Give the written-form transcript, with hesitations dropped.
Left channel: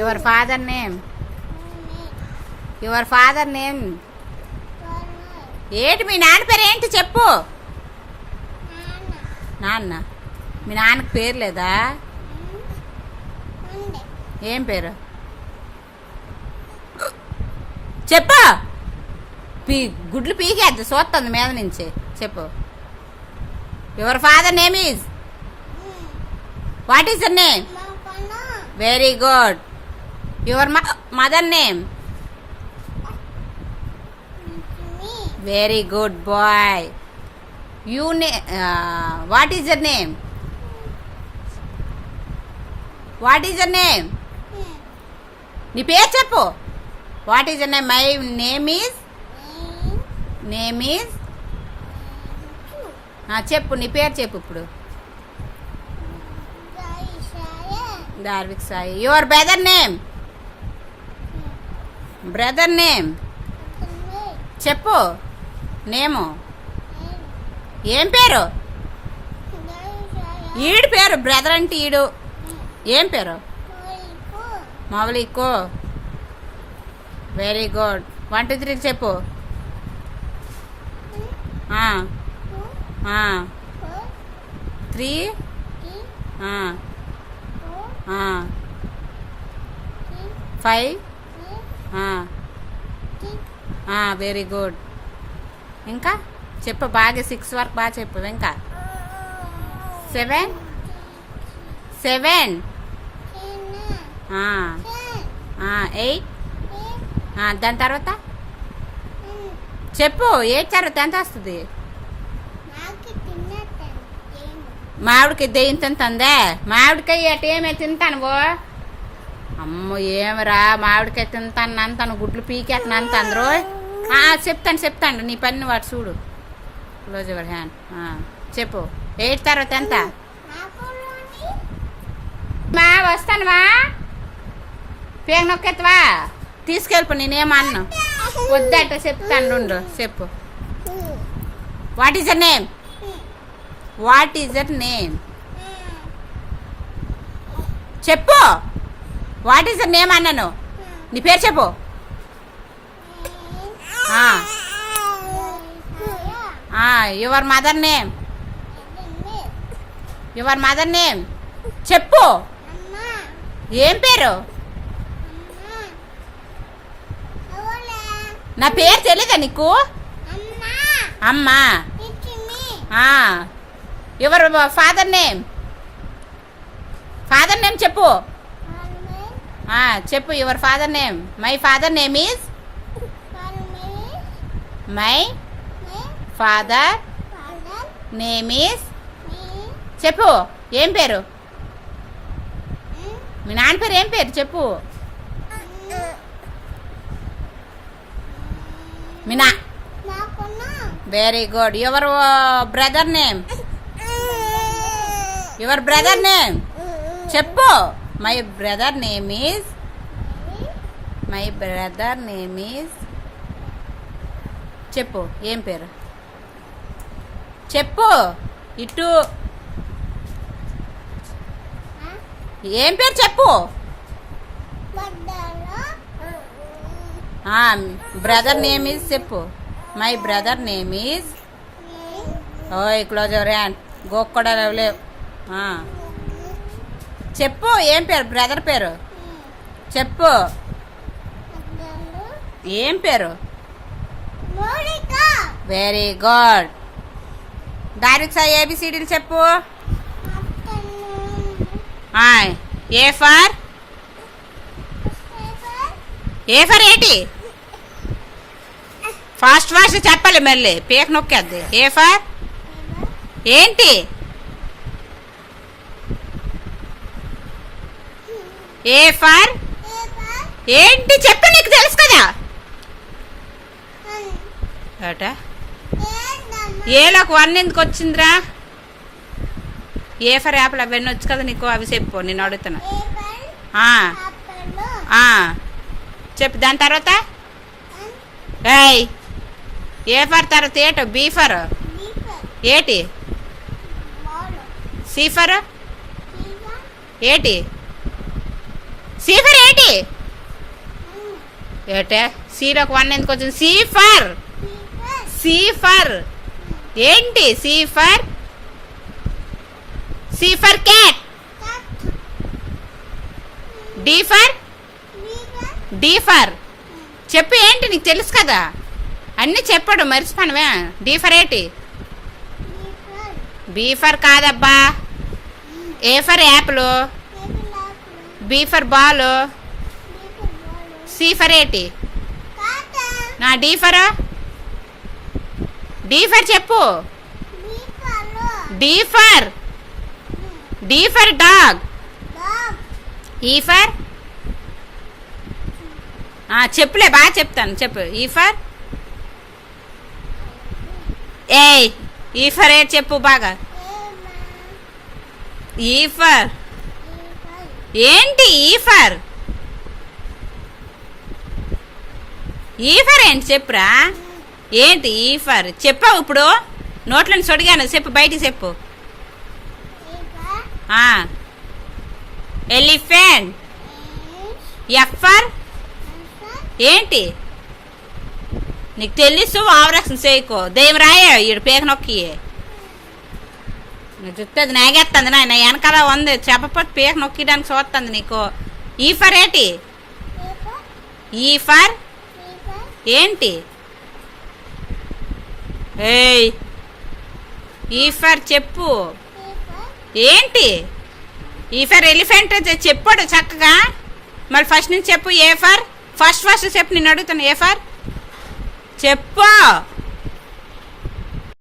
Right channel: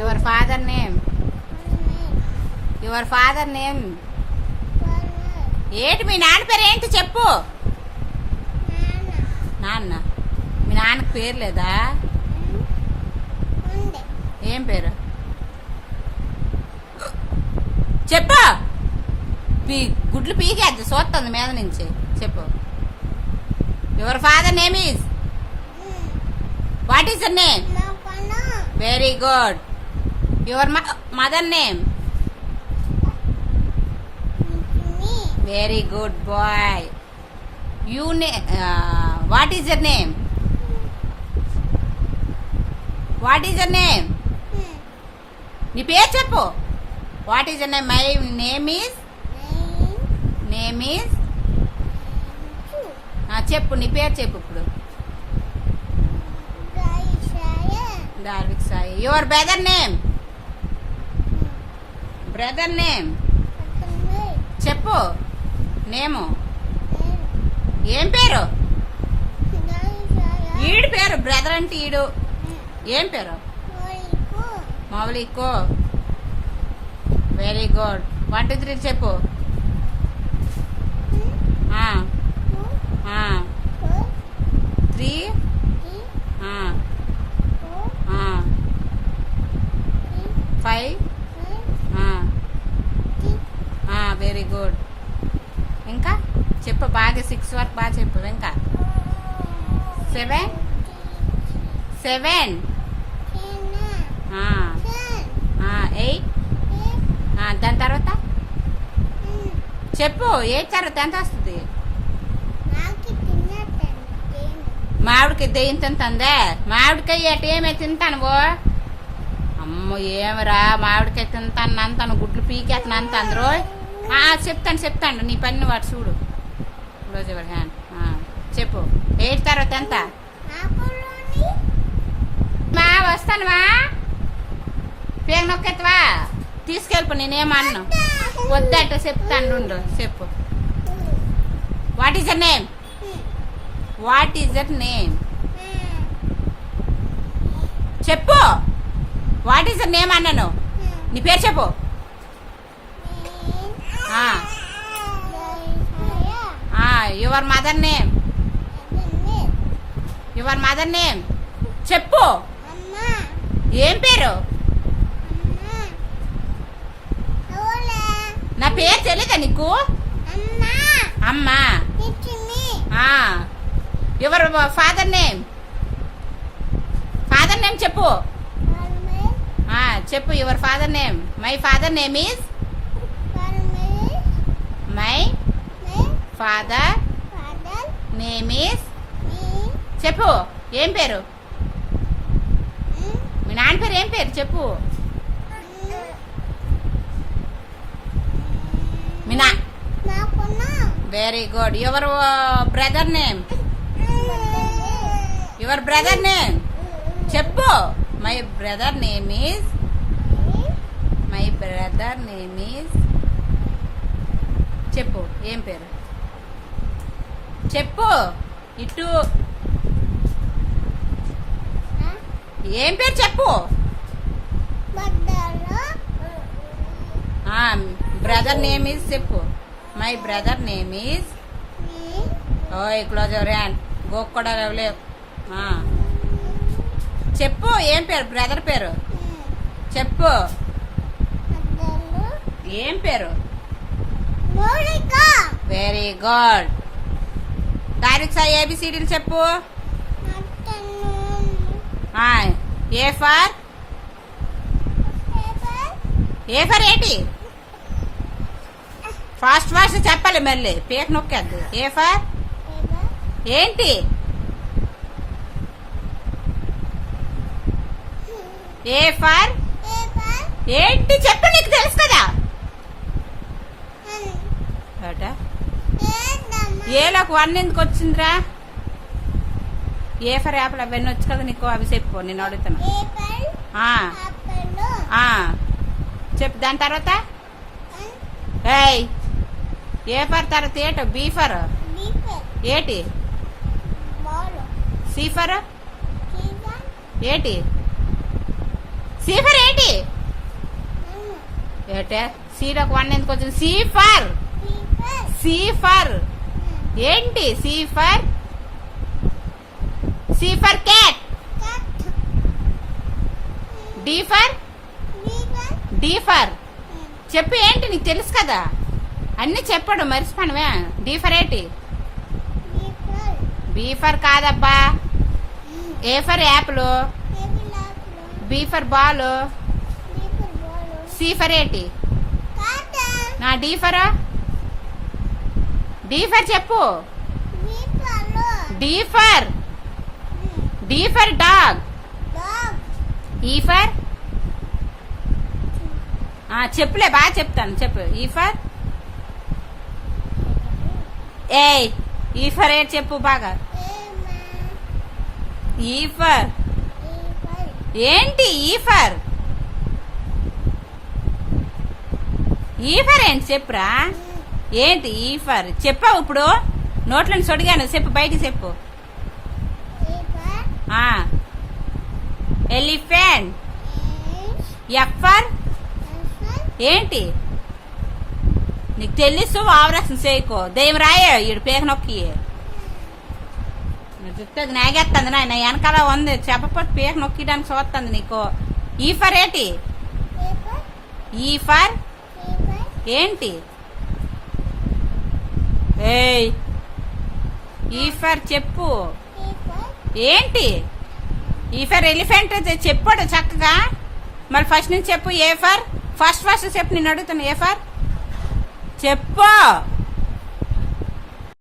Your father name. Your father name. ఏంటి మీ నాన్న పేరు ఏంటి చెప్పు. నాన్న. మీ నాన్నకి పేరు లేదా? ఏం పేరు చెప్పు. గుడ్లు పీకేద్ది చూస్తుంది మీద నుంచి. చెప్పు. Your father name is. What is your name? Very good. Your mother name. Very good boy. You what is your name? What is your name? నీ పేరు చెప్పు. What is your name? My name is. Name is. చెప్పు నీ పేరు చెప్పు ఇప్పుడు. Darvik Sai. Your brother name. Brother name చెప్పు. Name ఏం పేరు? ఈడు పేరు బ్రదర్ అంటే ఈడు. ఏం పేరు? మౌలికో. Very good. 1 2 3 చెప్పు. 3 5 వెరీ గుడ్. ఇంకా చెప్పు బాగా 6 వరకు బాగా చెప్పు. ఇంకా 7 7 8 దాని తర్వాత చెప్పు. 8 తర్వాత ఎంత వస్తుంది? మామిడికాయ దెయ్యం తింటుందే. మామిడికాయ అటు ఏమే తింటాను బో. అమ్మో ఏమరా మామిడికాయ తింటాను అంతాను. గుడ్లు పీకేస్తాను అంత అందరూ. చెప్తాను నీ పని వాడు చూడు. Close your hand. చెప్పు. 8 తర్వాత ఎంత? మా వస్తానువా. పేగ నొక్కెత్తవా? తీసుకెళ్ళిపో. నేనేమన్నా వద్దట చెప్తాను. ఉండు చెప్పు. What is your name? What is your name చెప్పు. వాట్ ఈస్ యర్ నేమ్ అన్నాను. నీ పేరు చెప్పు. Your mother name. Your mother name చెప్పు. ఏం పేరు? నా పేరు తెలీదా నీకు? అమ్మా. Your father name. Father name చెప్పు. చెప్పు. Your father name. My father name is. My father name is చెప్పు. ఏం పేరు? మీ నాన్న పేరు ఏం పేరు చెప్పు. మీ నా. Very good. Your brother name. Your brother name చెప్పు. My brother name is. My brother name is చెప్పు. ఏం పేరు చెప్పు. ఇటు ఏం పేరు చెప్పు. బ్రదర్ నేమ్ ఈజ్ చెప్పు. My brother name is. ఓయ్ క్లోజ్ యువర్ హ్యాండ్. గోక్ కూడా లేవు. చెప్పు. ఏం పేరు? బ్రదర్ పేరు చెప్పు. ఏం పేరు? Very good. డైరెక్ట్ ఏబిసిడీలు చెప్పు. A for. ఏ ఫర్ ఏంటి? ఫాస్ట్ ఫాస్ట్ చెప్పాలి మళ్ళీ. పేక నొక్కేద్ది. ఏ ఫర్ ఏంటి? ఏ ఫర్ ఏంటి చెప్పు. నీకు తెలుసు కదా. ఏలోకి 1 ఎందుకు వచ్చిందిరా? ఏ ఫర్ యాపిల్ అవన్నీ వచ్చు కదా నీకు. అవి చెప్పు. నేను అడుగుతున్నా. చెప్పు. దాని తర్వాత ఏ ఫర్ తర్వాత ఏటో? బీ ఫర్ ఏటి? సి ఫర్ ఏటి? సి ఫర్ ఏంటి? ఏటే సిలోకి 1 ఎందుకు వచ్చింది? సి ఫర్ ఏంటి? C for cat. D for చెప్పు ఏంటి? నీకు తెలుసు కదా అన్నీ చెప్పాడు, మర్చిపోనవే. డి ఫర్ ఏంటి? బీ ఫర్ కాదబ్బా. A for apple. B for ball. C for ఏంటి? నా డి ఫర్ చెప్పు. D for dog. E for చెప్పులే, బాగా చెప్తాను చెప్పు. ఈ ఫర్ ఏంటి చెప్పు బాగా. ఈ ఫర్ ఏంటి? ఈ ఫర్ ఏంటి చెప్పురా. ఏంటి ఈ ఫర్ చెప్పావు ఇప్పుడు? నోట్లను సొడిగాను, చెప్పు బయటికి చెప్పు. ఎలిఫెంట్. ఎఫ్ ఫర్ ఏంటి? నీకు తెలుసు, ఆవరక్షణ చేయకో. దెయ్యం రాయే ఈడు పేక నొక్కి చెప్తుంది. నాగేస్తుంది నాయన, వెనకాల ఉంది చెప్పపోతే పేక నొక్కడానికి చూస్తుంది నీకు. ఈ ఫర్ ఏంటి? ఈ ఫర్ ఏంటి? ఈ ఫర్ చెప్పు ఏంటి? ఈ ఫర్ ఎలిఫెంట్ చెప్పాడు చక్కగా. మళ్ళీ ఫస్ట్ నుంచి చెప్పు. ఏ ఫర్ ఫస్ట్ చెప్పు. నేను అడుగుతాను. ఏ ఫర్ చెప్పు.